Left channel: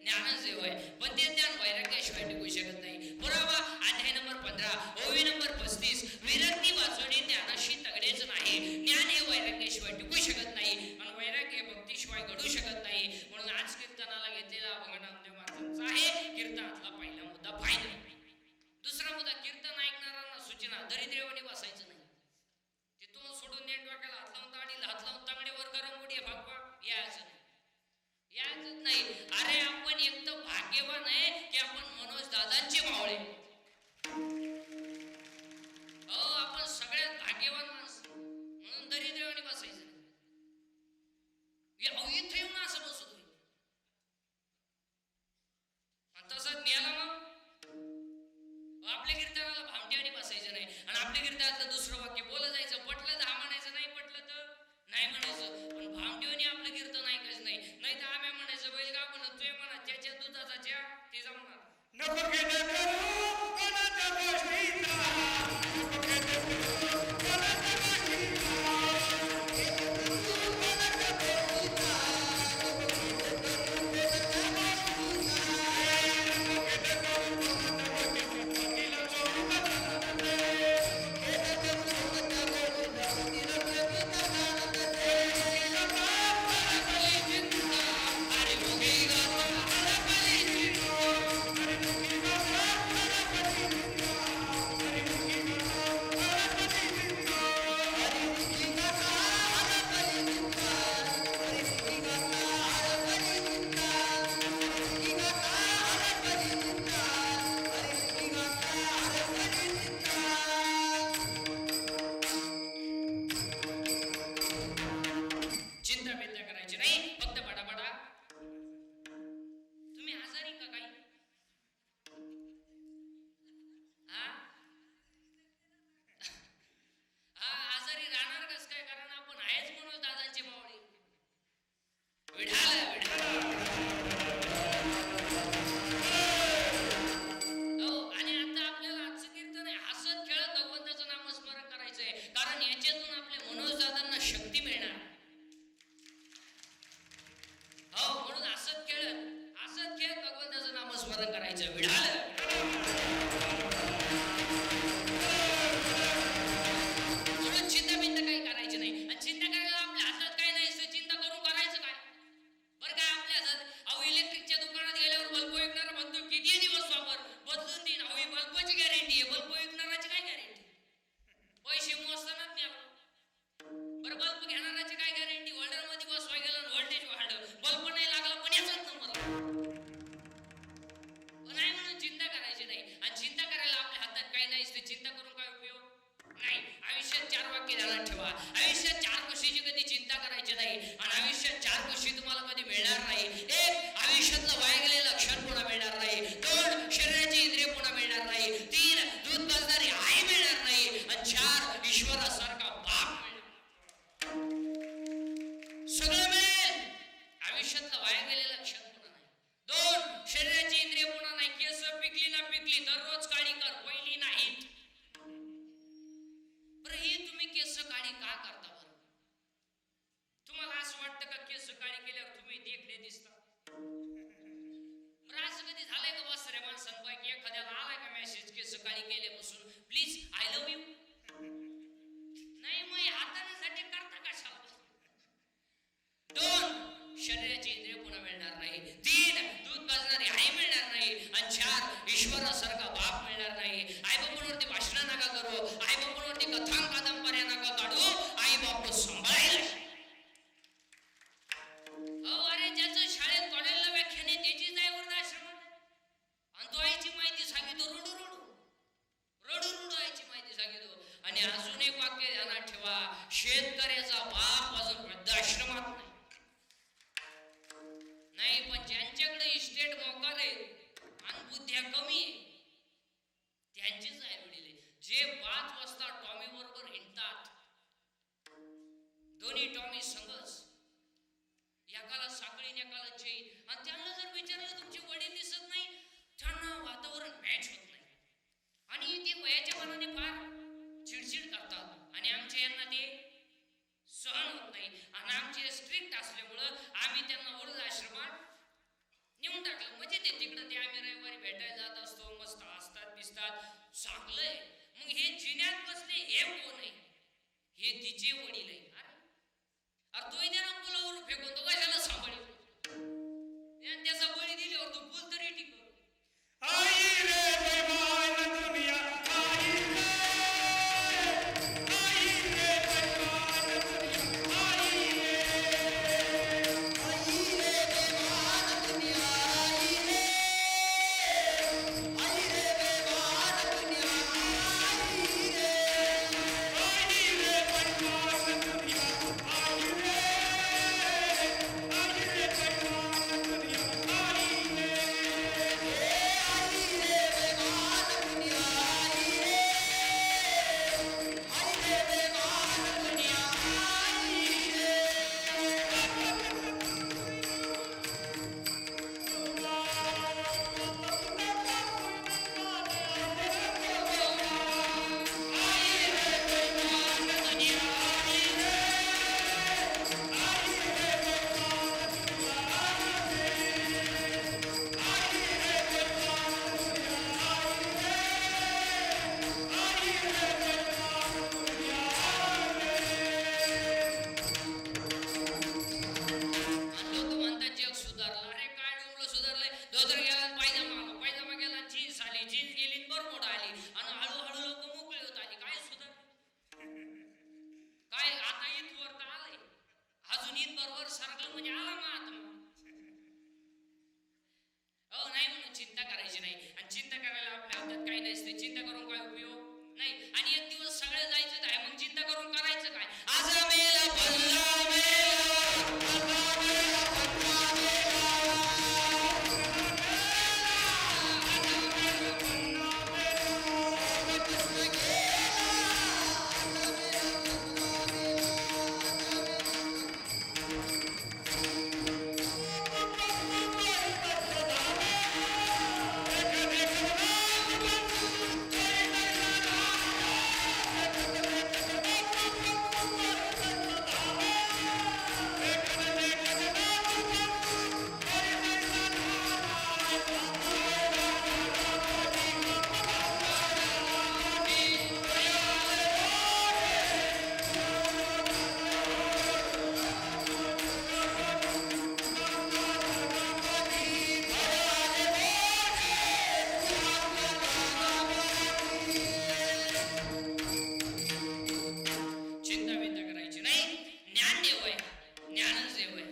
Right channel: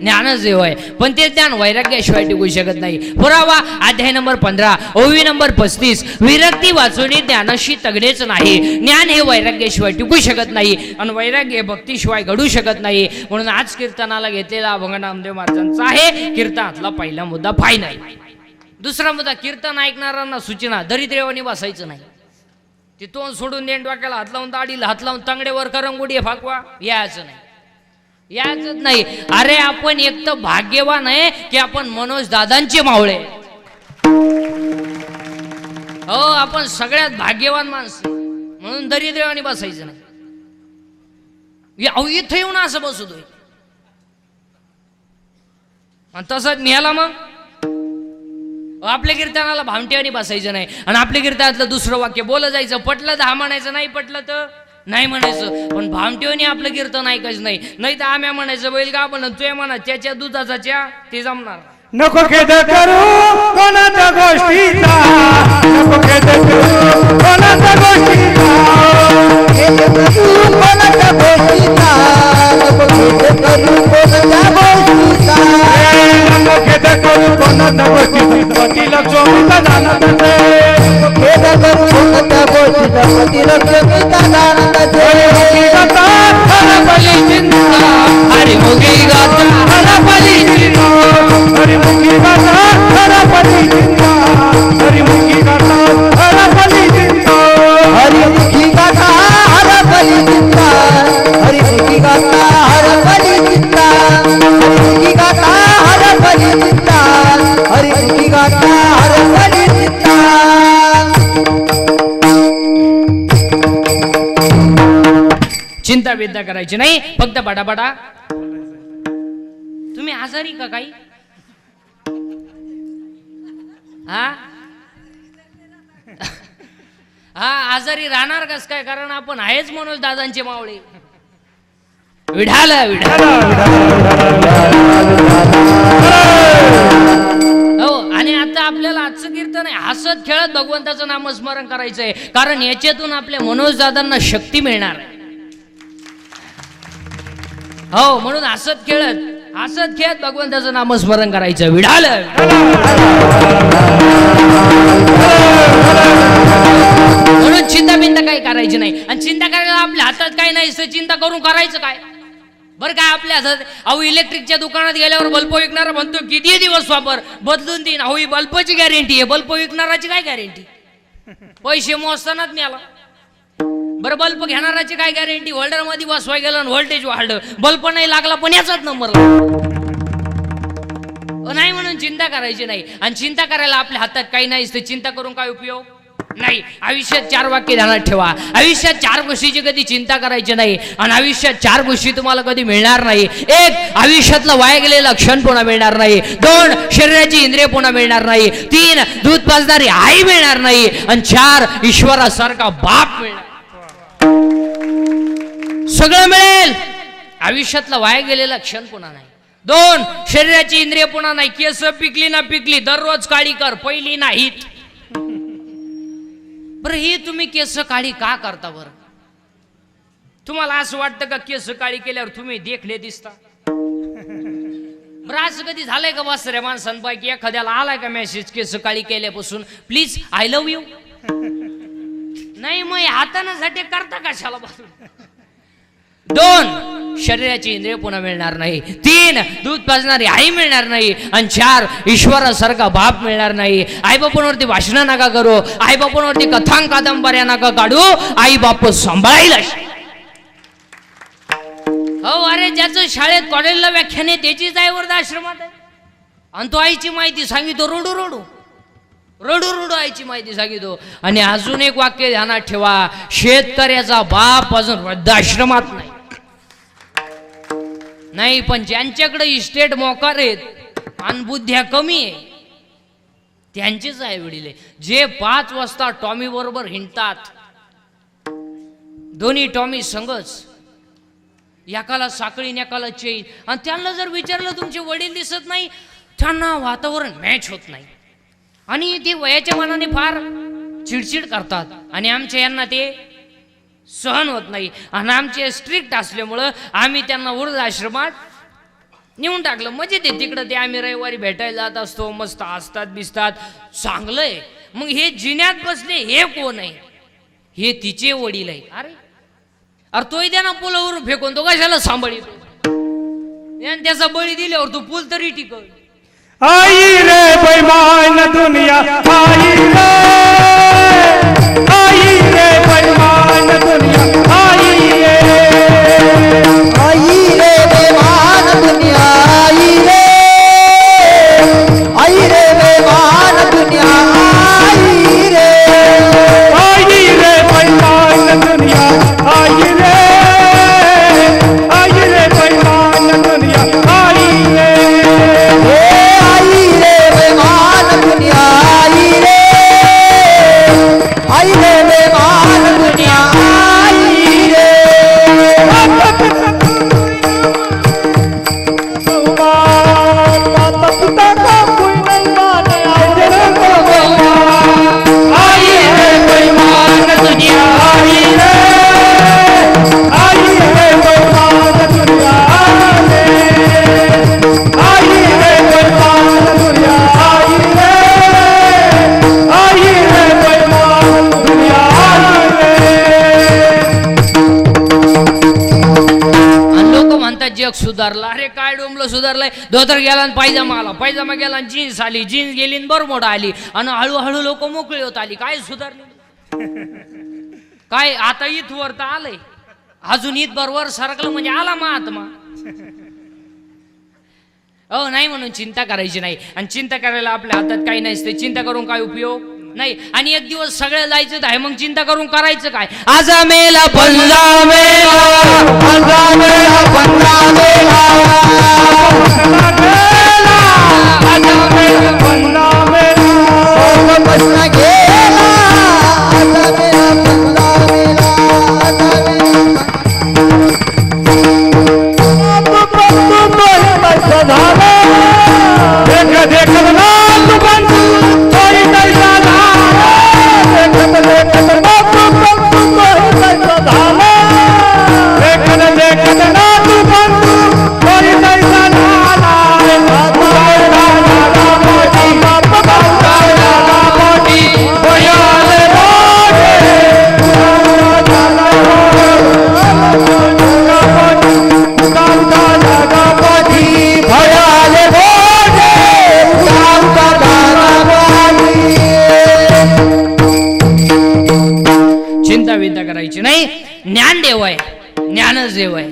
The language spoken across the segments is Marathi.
ज्ञानच देव आहे, पण ते ज्ञान वैराग्याशिवाय टिकू शकत नाही. पुरावा अध्याय नंबर 15 ओवी नंबर 35. विरक्ती वाचवणे ज्ञानाशी तगडेच नाही. ज्ञान हे वैराग्याशिवाय टिकू शकत नाही आणि वैराग्य भक्तीशिवाय घडू शकत नाही. म्हणून आज कीर्तनाला घेतलेला अभंग नामदेव महाराजांचा आहे. कीर्तनातला पहिला मुद्दा फायनल. दुसरा मुद्दा, कीर्तन ऐकणाऱ्यांना सूचना, दरिद्रेवानी बसायचं नाही. ते तोंड सोडून देण, डोक्याला हात लावून, दाढीला हात लावून, तांगडेवर करंगुडी फाकवा, यायचं नाही, यायचंच नाही. अरे आपण एक तर भाग्यवान आहे की आपण मनोज दादांचे मावळे. हो, आपण सगळ्यात भाग्यवान माणसं, म्हणून दरिद्रेवानी बसायचं नाही. इथं येऊन असं बसतोय आणि तसंच न्याला मग आपल्या कीर्तनाला भामटेवानी बसायचं नाही. आणि आपल्या कीर्तनातलं दुसरं वाक्य बोलत जायचं, पटलं तर हा म्हणायचं, नाही पटलं तर नाही म्हणायचं. पण भामटेवानी आपलं कीर्तन ऐकायचं नाही. नाही तर आम्ही म्हणायचं, बैल का म्हणत तुझ्या म्हणा त्याच्या दुधाचा च्या ते जमणार. नको खेद करू कोणाच्या गोष्टीचा, नको खेद करू कोणाच्या गोष्टीचा, खेद करू कोणाच्या गोष्टीचा, नको खेद करू कोणाच्या गोष्टीचा, नको खेद करू कोणाच्या गोष्टीचा, पतीला चोरीचा जाणत असे, खेद करू कोणाच्या गोष्टीचा, पतीला चोरीचा जाणत असे, गाता हरपली चिंता, हरिमुखी गाता हरपली चिंता, हरिमुखी गाता हरपली चिंता, हरिमुखी गाता हरपली चिंता, हरिमुखी गाता हरपली चिंता, हरिमुखी गाता हरपली चिंता, हरिमुखी गाता हरपली चिंता, हरिमुखी गाता हरपली चिंता. चिंता विद्या करायची नाही, फक्त बडाबडा. तुम्ही आजारी का काही? हा हा, आजारी राहणार कस काय? कारण आपण आहेच मनोज दादांचे मावळे. विढाल विढाल. हो, आणि आता आपल्याला आजचं कीर्तन आहे हसत खेळत भगवंताचं नामस्मरण करायचंय, कारण याच्यातून आपल्या मनोज दादांना शक्ती मिळणार आहे. हो, म्हणून हसत खेळत भगवंताचं नामस्मरण करायचं. विढाल. म्हणून चिंता बिंता काही करायची नाही. आणि चिंता करायला आपल्या हातात काही नाही, चिंता करून करायचं काय? बरं काय आपल्या हातात? अहो, इलेक्ट्रिकच्या दुकानात गेल्यावर बल्ब विकणारा म्हणतो किती दिवस वापर, बदलून देईन. अहो, ही बल्बची गॅरंटी आहे, बल्ब विकणाराची काय गॅरंटी? पैसे मोजतानाच मिळाला. बरं, बल्ब घेणाराची काय गॅरंटी? होल्डर मध्ये बसवाय गेलं आणि व्होल्टेज वाढलं, बल्ब नाही लागला पण याचाच नंबर नाही. म्हणून चिंता करायची नाही. आणि चिंता करायला आपल्या हातात काही नाही, ते चिंता करून काय उपयोग नाही. आयुष्यात 4 वाक्य ध्यानात ठेवा. आयुष्यात 4 गोष्टीची कधी चिंता करायची नाही. आणि आयुष्यात 4 गोष्टी तुम्हाला कधी मिळणार नाही. 1, आयुष्यातलं वाया गेलेलं क्षण पुन्हा मिळणार नाही. 2, शरीराची इंद्रिय पुन्हा मिळणार नाही. 3, दूध पाजणारी आई मिळणार नाही. आणि 4, ईश्वरासारखा बाप मिळणार. सगळं मिळेल, आयुष्यातला वाया गेलेला क्षण पुन्हा नाही. 2, शरीराची इंद्रिय पुन्हा नाही. केस पिकली ना पिकली, दररोज काळी कर, पहिली नाहीत. बरं, ही तुम्ही केस काळी का करता? बरं, तुम्हाला असं वाटतं का केस काळी केल्यावर तुम्ही देखणे दिसता? बरं, असं कधी झालंय का वासऱ्या माणसांपैकी एखाद्याला आलाय का मेसेज केस काळी केल्यापासून, प्लीज आय लव्ह यू? नाही, मग हातानं झटे करता कशाला बसून? 2, शरीराची इंद्रिय पुन्हा मिळणार नाही. 3, दूध पाजणारी आई मिळणार नाही. आणि 4, ईश्वरासारखा बाप मिळणार नाही. आई बापांवरती भाषणं नका करू, आई बापांवरती कथांग कादंबऱ्या नका काढू, आई बाप सांभाळायला. हो, अरे ज्याचं शाळेत कॉलेजला व्याख्यान आहे त्याचीच आई वृद्धाश्रमात आहे, आणि तो आईची माहिती सांगितो रडू रडू रडू रडू आईची माहिती सांगितो. आणि अजून एक वाक्य ध्यानात ठेवा, शेतकऱ्याचा बाप अजून वृद्धाश्रमात नाही. पण ज्यांच्याकडे इस्टेट मोकार आहेत आणि बुद्ध्या कमी आहे त्यांचेच आई वडील आहे. जे 5 वाजता टॉमी बरोबर हिंडतात, दोन्ही टॉमी संगच, एकाला साखळी एकाला चेन, आणि त्यांना जर विचारलं तुमचे वडील दिसत नाही, त्यांना वातावरण मॅच होत नाही आणि ते वयाच्या मनाने फार चिडचिड करतात. आणि आमच्या यांना ते सहन होत नाही. आणि आमचे स्ट्रिक्ट असल्यामुळं आम्ही त्यांना वृद्धाश्रमात नेऊन टाकलं. म्हणजे ते तिकडं ते आम्ही रविवारी भेटायला जात असतो, मस्त हसतात बिसतात, चांगलंय. मग हे जिन्यात बसले हे कोण आहे? हे तिचे वडील आहे. अरे अरे तोही द्या ना पुलावर फेकून, तो कशाला सांभाळीतो? आणि त्याचा बळी दिल्यावर तू पूल तरी टिकव. आई रे बेईमान दुनिया, आई रे, आई रे बेईमान दुनिया, आई रे, आई रे बेमान दुनिया, आई रे बेमान दुनिया, आई रे बेईमान दुनिया, आई रे, आई रे बेईमान दुनिया, आई रे, आई रे बेमान दुनिया, आई रे बेमान दुनिया, माता पिता का कोई नहीं माने, आई रे आई रे बेईमान दुनिया, आई रे, आई रे बेईमान दुनिया, आई रे बेईमान दुनिया, आई रे, आई रे बेईमान दुनिया, आणि लोक म्हणतात जग सुधारलं. अरे काय डोंबलं सुधारलंय? धोतर गेला आणि पायजामा आला, पायजामा गेला आणि जीन्स आली, जीन्स गेली आणि बरमोडा आली, आणि हळूहळू लोक मोकळी होत आली. काय सुधारले? काय आता इथवर तर आलंय, अजून इथभर सरकलं म्हणजे आला महात्मा. हो नाही म्हणून चिंता करायची नाही. आणि चिंता करायला आपल्या हातात काही नसते. चिंता करून काय उपयोग नाही. आणि एक दिवस सगळं जायचं आहे, मग चिंता करून करायचं काय? आज मेला पल्ला मेला, पंधरा मेला, पंधरा मेला, बसना गेला, आता मेला, पंधरा मेला, देख देख नाथ बंधू कोई कैसा धारा, देख देख नाथ बंधू कोई कैसा धारा, देख देख नाथ बंधू कोई कैसा धारा, चिंता विंता करायची नाही. ज्ञान देव आहे, ज्ञानच देव आहे.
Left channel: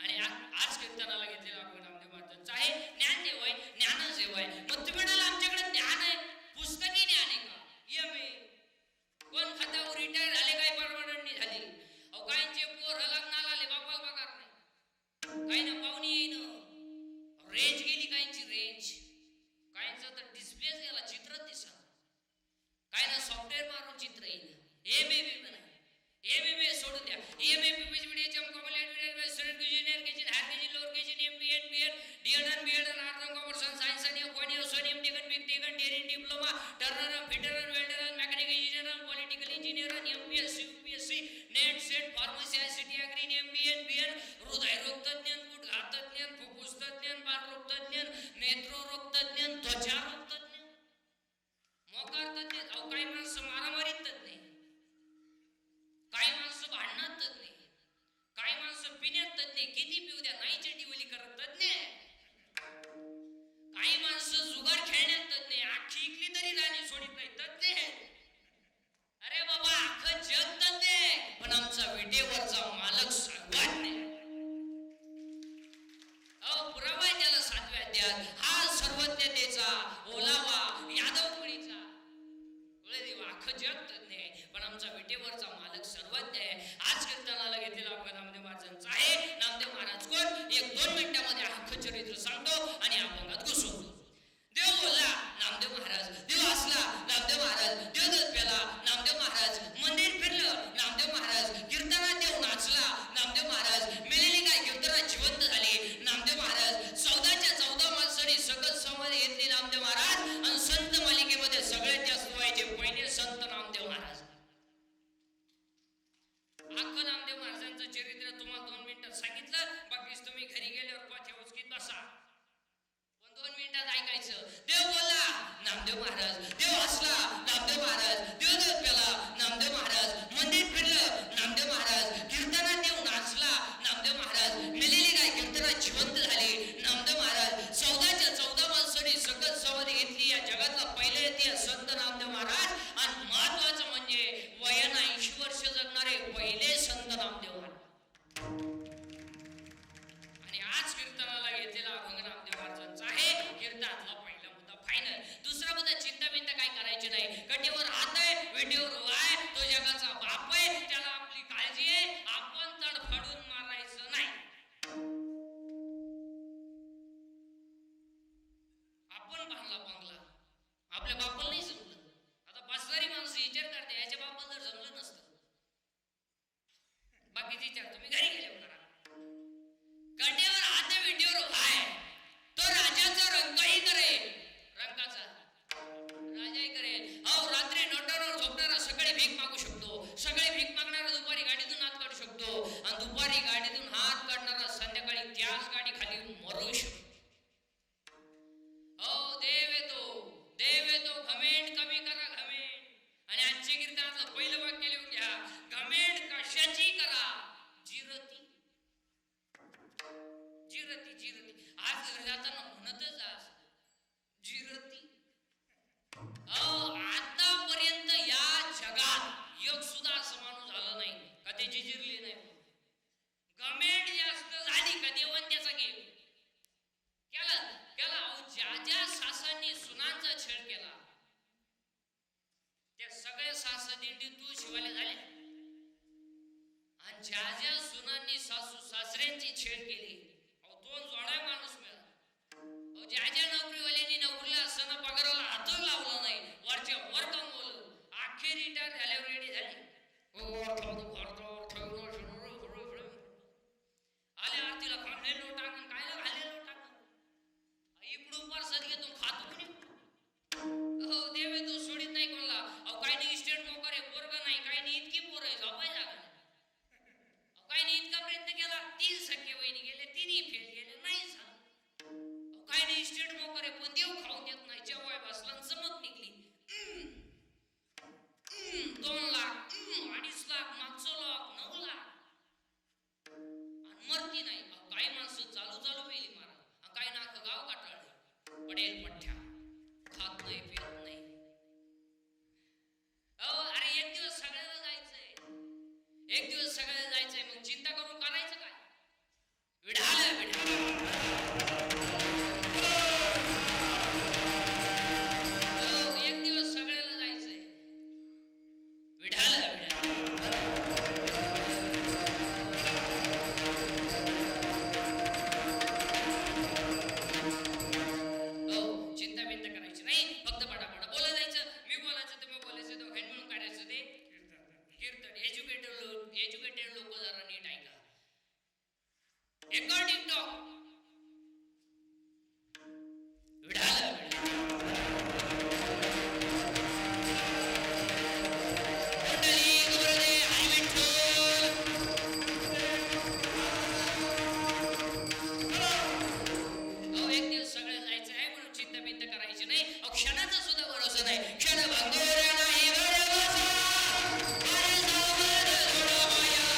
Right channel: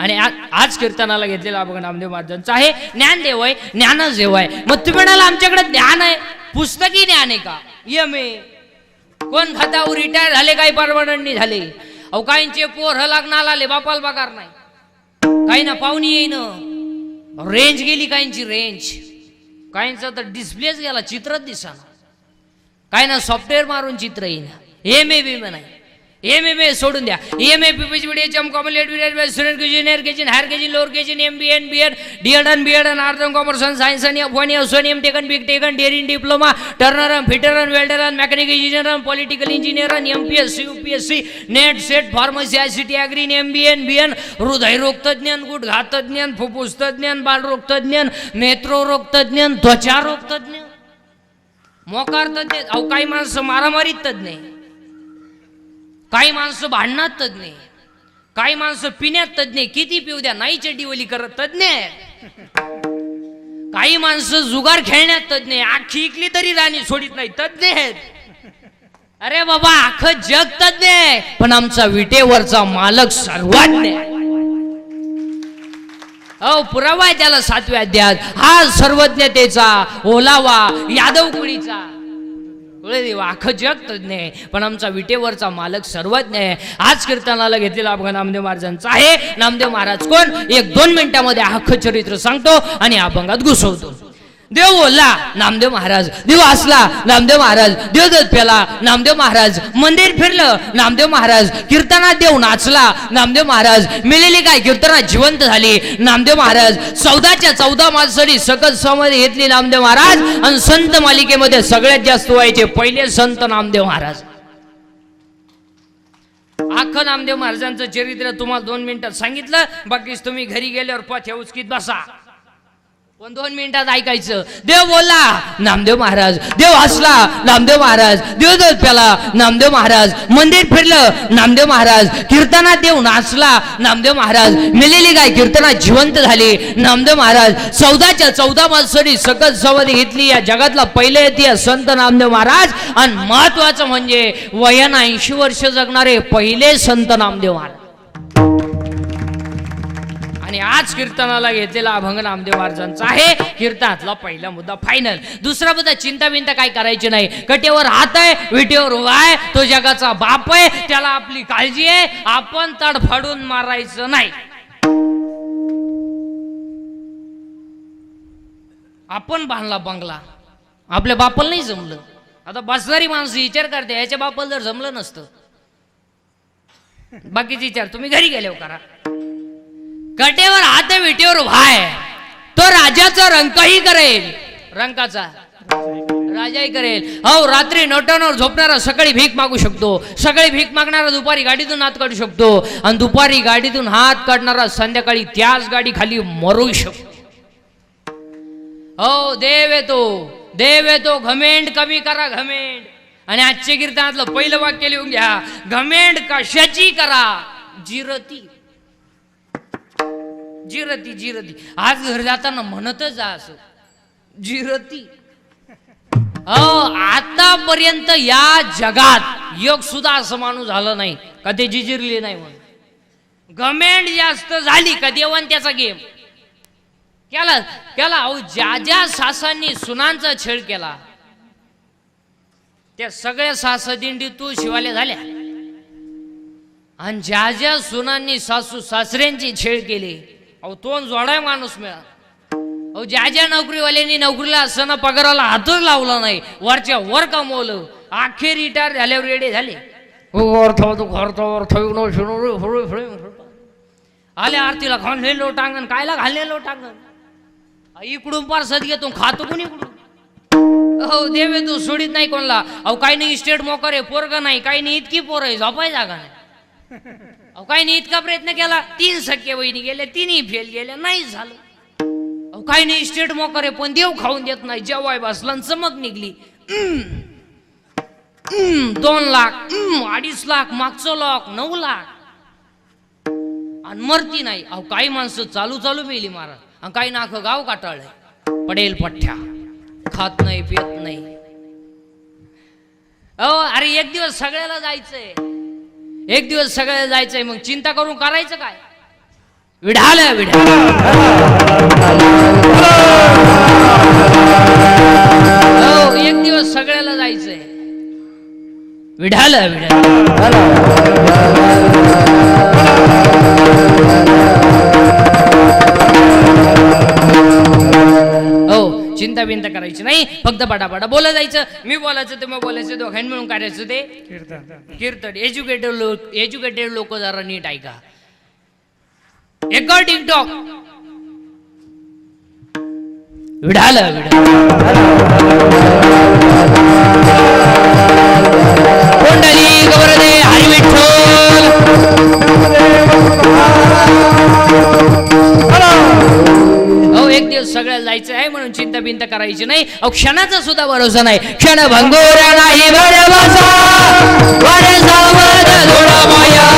आणि आज कीर्तनाला घेतलेला बघा नामदेव महाराजांचा आहे. ज्ञान देव आहे, ज्ञानच देव आहे. मग तुम्ही म्हणाला आमच्याकडे ज्ञान आहे, पुस्तकी ज्ञान आहे का? MA कोण खातावर रिटायर झाले, काही परमनंटनी झाले. अहो काहींचे पोर लागणार आले, बापाला पगार नाही, काही ना पाहुणी येईन, रेंज गेली काहींची, रेंज काहींचा तर डिस्प्लेच गेला, चित्रच दिसाना, काही ना सॉफ्टवेअर मारून चित्र येईन. MA बी नाही, MA सोडून द्या. MA PhD complete student junior KG, higher KG, lower KG, MBA BEd, DEd BEd, art and commerce आणि सायन्स आणि F1 F1 M.Tech big taken, daring diploma, turner fitter welder mechanical engineer, political engineer, MPSC UPSC NET SET pharmacy ICT agri, MBA BN, हृदयरोग तज्ञ, गुडघा तज्ञ, फुफ्फुस तज्ञ, बालरोग तज्ञ, नेत्ररोग तज्ञ, त्वचारोग तज्ञ, मोकार तज्ञ. अहो काही माणसं मारामारीत तज्ञ, काही माणसं भांडणात तज्ञ, काही माणसं पिण्यात तज्ञ, किती पिऊ द्या नाही चड्डीवली करत तज्ञ, काही माणसं जुगार खेळण्यात तज्ञ, आखी इकली तरी राणी सोडित नाही तज्ञ आहेत. अरे बाबा अख्खं जग तज्ञ आहे, पण आमचा विटेवरचा मालक सर्वज्ञ आहे. अहो पुरावा आहे त्याला 7व्या अध्यायात. हा सर्वज्ञतेचा ओलावा यादव कुळीचा अख्खं जग तज्ञ आहे, पण आमचा विटेवरचा मालक सर्वज्ञ आहे. आज कीर्तनाला घेतलेला अभंग नामदेव महाराजांचा आहे. नामदेव महाराज कोण? 1-2 मिनिटांमध्ये अख्खं चरित्र सांगतो आणि अभंगात घुसवतो. देव बोलला नामदेव महाराज, देव असला नामदेव महाराज, देव दूध प्याला नामदेव महाराज, मंदिर फिरलं नामदेव महाराज, कीर्तनात देव नाचला नामदेव महाराज, मिळेली काय कीर्तनात जिवंत झाली नामदेव महाराज, 14च्या 14 माणसांनी सकत समाधी घेतली नामदेव महाराज, आणि संत मालिकेमध्ये सगळ्यात जास्त व्हायचे पहिले संत नामदेव महाराज. अख्खं नामदेव महाराजांचं चरित्र तुम्हाला 2 मिनिटात सांगितलं, बाकीच तुम्ही घरी गेल्यावर पथ्या उचकीत बसा. पण 2 मिनिटात ऐकायचं. देव बोलला, नामदेव महाराज. देव हसला, नामदेव महाराज. देव दूध प्याला, नामदेव महाराज. मंदिर फिरलं, नामदेव महाराज. कीर्तनात देव नाचला, नामदेव महाराज. मेलेली गाय कीर्तनात जिवंत झाली, नामदेव महाराज. 14च्या 14 माणसांनी सकत समाधी घेतली. या जगातला पहिले येते संत नामदेव महाराज. आणि महत्वाचं म्हणजे वयानं 80 वर्ष जगणारे पहिले संत नामदेव महाराज. आणि आज कीर्तनाला घेतलेला अभंग नामदेव महाराजांचा आहे. कीर्तनातला पहिला मुद्दा फायनल. दुसरा मुद्दा चिंता बिंता काय करायची नाही. कटेवर हात आहे, विटेवर उभा आहे. तो जगाचा बाप आहे, त्याला आपली काळजी आहे. आपण तडफडून मारायचं नाही. आपण बांधला बंगला, आपल्या बापाला नाही जमलं. आता बसणारी माणसं विचार करते, याच्या बापाला जर जमलं नसतं. बाकीचे विचार तुम्ही घरी गेल्यावर करा. कटेवर हात विटेवर भाय, तो राजाचा रंकही करेल. रंकाचा राजाही करेल. हो, रात्री नोटांवर झोपणारा सकाळी भीक मागू शकतो. सकाळी भीक मागणारा दुपारी गाडीतून हात काढू शकतो. आणि दुपारी गाडीतून हात काढणारा संध्याकाळी त्याच गाडी खाली मरू शकतो. हो, देव येतो, देव येतो. घमेंड कमी करा, घमेंड. आणि आजचे कीर्तनातलं पहिलं वाक्य लिहून घ्या. घमेंड कशाची करा? जिरती, जिरती, जिरती. आज घरी जाताना म्हणतच जा असं, जिरती. आतापर्यंत या जगात योग सुद्धा असं माणूस झालं नाही का ते जिजिरले नाही म्हणून. घमेंड जास्त झाली का देवान त्याचा गेम केला केला. अहो, ज्या ज्या सासांनी सुनांचा छेड केला त्या सगळ्या सासदिंडी तू शिवाल्या झाल्या. आणि ज्या ज्या सुनांनी सासू सासऱ्यांची छेड केली, अहो तोंड जोडाय माणूस मिळा. अहो, ज्या ज्या नोकरीवाल्यांनी नोकरीला असताना पगाराला हातच लावला नाही, वरच्या वर कमवलं, अखेर रिटायर झाल्यावर रेडे झाले. आले आरतीला घालले लोटांगण, कायला घालले लोटांगण. इकडून पार सद घेतो, खातो कोणी इकडून. हो, देव तू सोडीत नाही कोणला. अहो, काही नाही इस्टेट मोकर आहे, पोरग नाही, काही नाही इतकी पोर आहे, झोपाय जागा नाही. अहो, काही नाही इतका प्रयत्न केला, 3 सख्या वहिनी गेल्या, 3ही फेल गेल्या, नाही झालं. अहो, काही नाही इस्टेट मोकर आहे, पण देव खाऊन देत नाही. जेव्हा बसला चमक निघली. 2 लाख, 2.5 लाख, मागचं लाख, 9 लाख. आणि मरती नाही. अहो, काही माणसं चालू चालू मेली महाराज. आणि काही नाख गाव काटाळलंय. पडेल पठ्ठ्या, खात नाही, पियत नाही. अहो, अरे एक दिवस सगळ्याला जायचंय, एक दिवस सगळ्याला जायचंय. मग चिंता करून करायचं काय? विढाल विढाल. हो, एक दिवस सगळ्याला जायचंय. विढाल विढाल. चिंता बिंता करायची नाही. फक्त बडाबडा बोला जायचं. मी बोलायचं, तुम्ही बोलायचं, दोघांनी मिळून करायचं ते कीर्तन. एज्युकेटेड लोक जरा नीट ऐका. अकॉर्डिंग टॉक विढाल कोंडली गवरदे हरी विठ्ठल. हो, एक दिवस सगळ्याला जायचं आहे म्हणून चिंता बिंता करायची नाही. अहो, क्षणाचा सुद्धा भरोसा नाही. क्षण भंगोरा नाही भरवसा, वर सावध थोडा माया.